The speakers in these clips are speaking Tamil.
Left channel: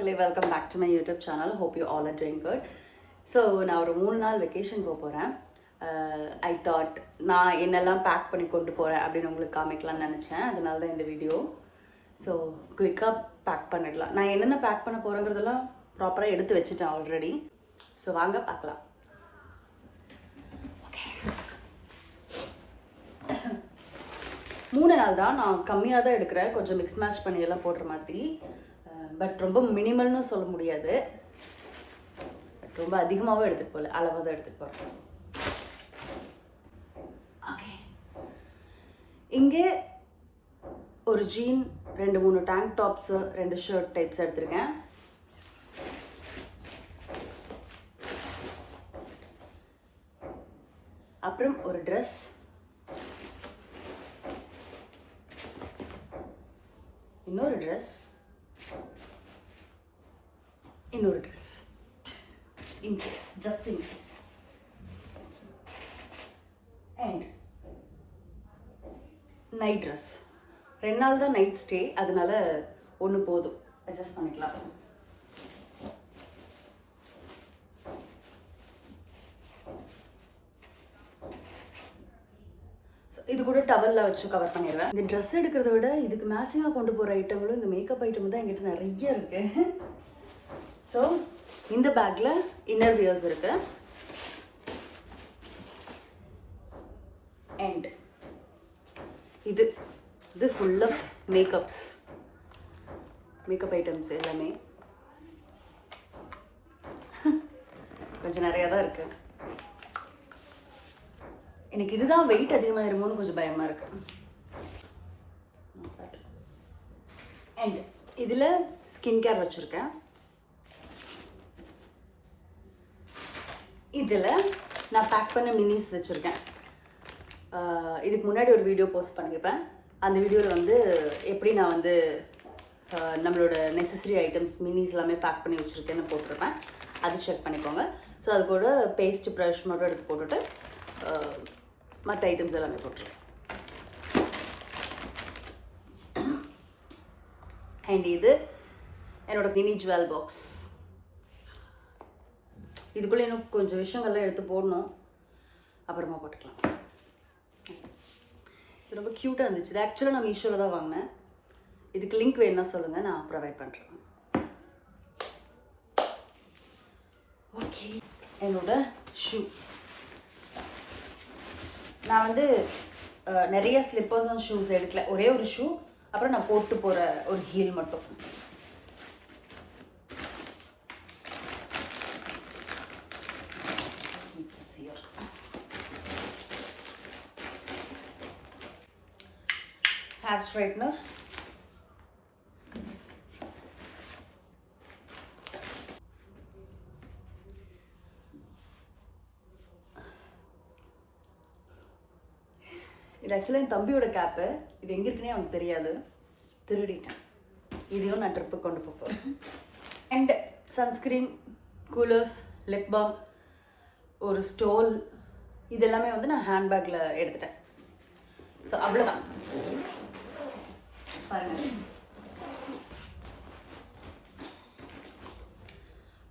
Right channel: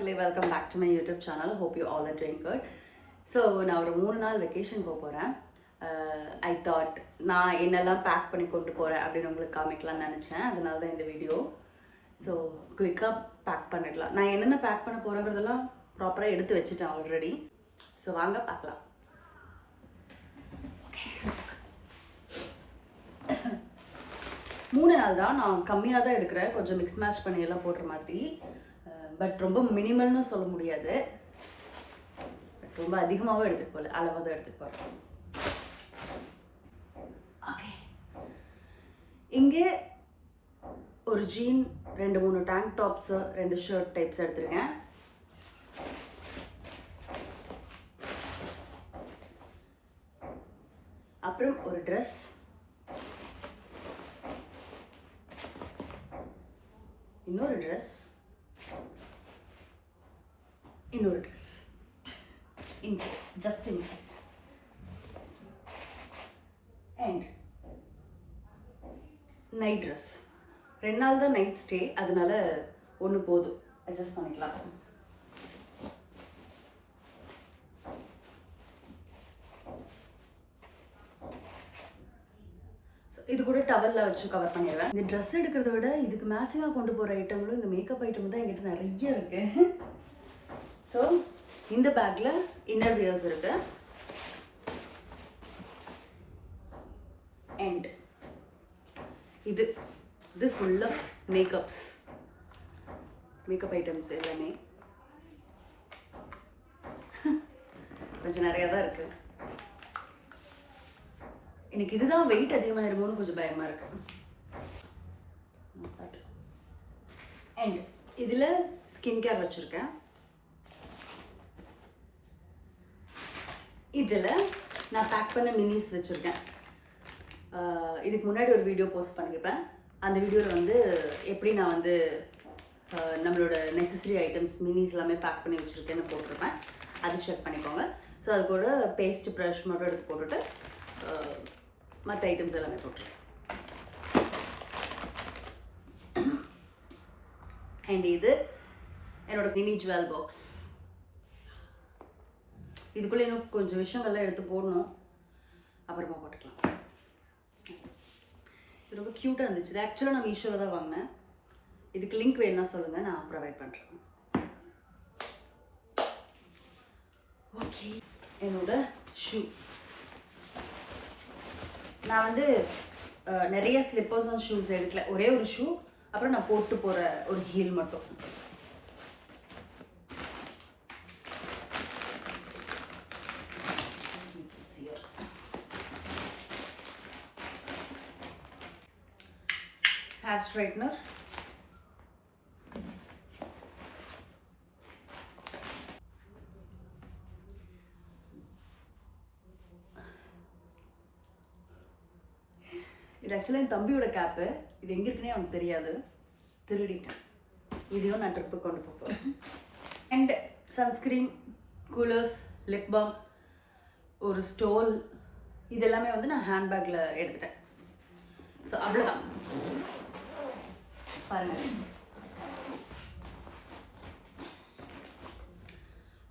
Welcome back to my YouTube channel. Hope you all are doing good. So நான் ஒரு 3 நாள் வெக்கேஷன் போகிறேன். ஐ தாட் நான் என்னெல்லாம் பேக் பண்ணி கொண்டு போகிறேன் அப்படின்னு உங்களுக்கு காமிக்கலாம்னு நினச்சேன். அதனால தான் இந்த வீடியோ. ஸோ குயிக்காக பேக் பண்ணிடலாம். நான் என்னென்ன பேக் பண்ண போகிறேங்கிறதெல்லாம் ப்ராப்பராக எடுத்து வச்சுட்டேன் ஆல்ரெடி. ஸோ வாங்க பார்க்கலாம். ஓகே, 3 நாள் தான். நான் கம்மியாக தான் எடுக்கிறேன், கொஞ்சம் மிக்ஸ் மேட்ச் பண்ணி எல்லாம் போடுற மாதிரி. பட் ரொம்ப மினிமல்னு சொல்ல முடியாது, பட் ரொம்ப அதிகமாகவும் எடுத்துகிட்டு போகல, அளவாக தான் எடுத்துகிட்டு போகிறேன். ஓகே, இங்கே ஒரு jean, 2-3 tank tops, 2 shirt types எடுத்துருக்கேன். அப்புறம் ஒரு ட்ரெஸ், இன்னொரு ட்ரெஸ், இன்னொரு dress, in case, just in case, and night dress. 2 நாள் தான் நைட் ஸ்டே, அதனால ஒன்று போதும், அட்ஜஸ்ட் பண்ணிக்கலாம். இது கூட டவலில் வச்சு கவர் பண்ணிடுவேன். இந்த ட்ரெஸ் எடுக்கிறத விட இதுக்கு மேட்சிங்காக கொண்டு போகிற ஐட்டங்களும் இந்த மேக்கப் ஐட்டம் தான் என்கிட்ட நிறைய இருக்குது. ஸோ இந்த பேக்கில் இன்னர் வியர்ஸ் இருக்கு, அண்ட் இது ஃபுல் ஆஃப் மேக்கப் ஐட்டம்ஸ் எல்லாமே கொஞ்சம் நிறையா தான் இருக்குது. எனக்கு இதுதான் வெயிட் அதிகமாக இருக்குமோன்னு கொஞ்சம் பயமாக இருக்கு. அண்ட் இதில் ஸ்கின் கேர் வச்சுருக்கேன். இதில் நான் பேக் பண்ண மினிஸ் வச்சுருக்கேன். இதுக்கு முன்னாடி ஒரு வீடியோ போஸ்ட் பண்ணியிருப்பேன். அந்த வீடியோவில் வந்து எப்படி நான் வந்து நம்மளோட நெசசரி ஐட்டம்ஸ் மினிஸ் எல்லாமே பேக் பண்ணி வச்சுருக்கேன்னு போட்டிருப்பேன். அது செக் பண்ணிக்கோங்க. ஸோ அது கூட பேஸ்ட் ப்ரஷ் மட்டும் எடுத்து போட்டுட்டு மற்ற ஐட்டம்ஸ் எல்லாமே போட்டுருக்கேன். அண்ட் இது என்னோட மினி ஜுவல் பாக்ஸ். இதுக்குள்ளே இன்னும் கொஞ்சம் விஷயங்கள்லாம் எடுத்து போடணும், அப்புறமா போட்டுக்கலாம். இது ரொம்ப க்யூட்டாக இருந்துச்சு. இது ஆக்சுவலாக நான் மீஷோவில் தான் வாங்கினேன். இதுக்கு லிங்க் வேணும்னா சொல்லுங்கள், நான் ப்ரொவைட் பண்ணுறேன். ஓகே, என்னோட ஷூ. நான் வந்து நிறைய ஸ்லிப்பர்ஸும் ஷூஸ் எடுக்கல, ஒரே ஒரு ஷூ, அப்புறம் நான் போட்டு போகிற ஒரு ஹீல் மட்டும். ஹேர் ஸ்ட்ரைட்னர், இது ஆக்சுவலாக என் தம்பியோட கேப்பு. இது எங்கே இருக்குன்னே அவனுக்கு தெரியாது, திருடிட்டேன். இதையும் நான் ட்ரிப்புக்கு கொண்டு போகிறேன். And sunscreen, coolers, lip balm, ஒரு ஸ்டோல், இதெல்லாமே வந்து நான் ஹேண்ட்பேக்கில் எடுத்துட்டேன். ஸோ அவ்வளோதான். பாருங்கள்,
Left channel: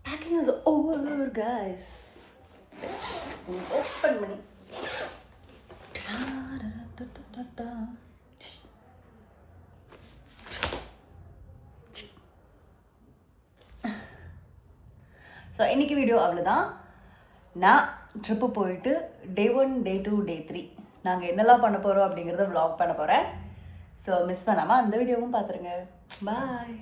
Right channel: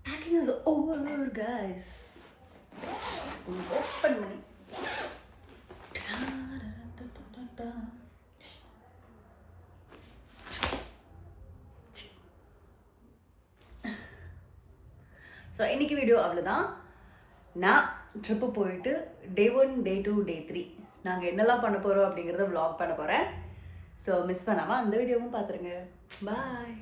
packing is over guys. Open பண்ணி ஸோ இன்றைக்கி வீடியோ அவ்வளோதான். நான் ட்ரிப்பு போயிட்டு டே 1, டே 2, டே 3 நாங்கள் என்னெல்லாம் பண்ண போகிறோம் அப்படிங்கிறத vlog பண்ண போகிறேன். ஸோ மிஸ் பண்ணாமல் அந்த வீடியோவும் பார்த்துருங்க. பாய்.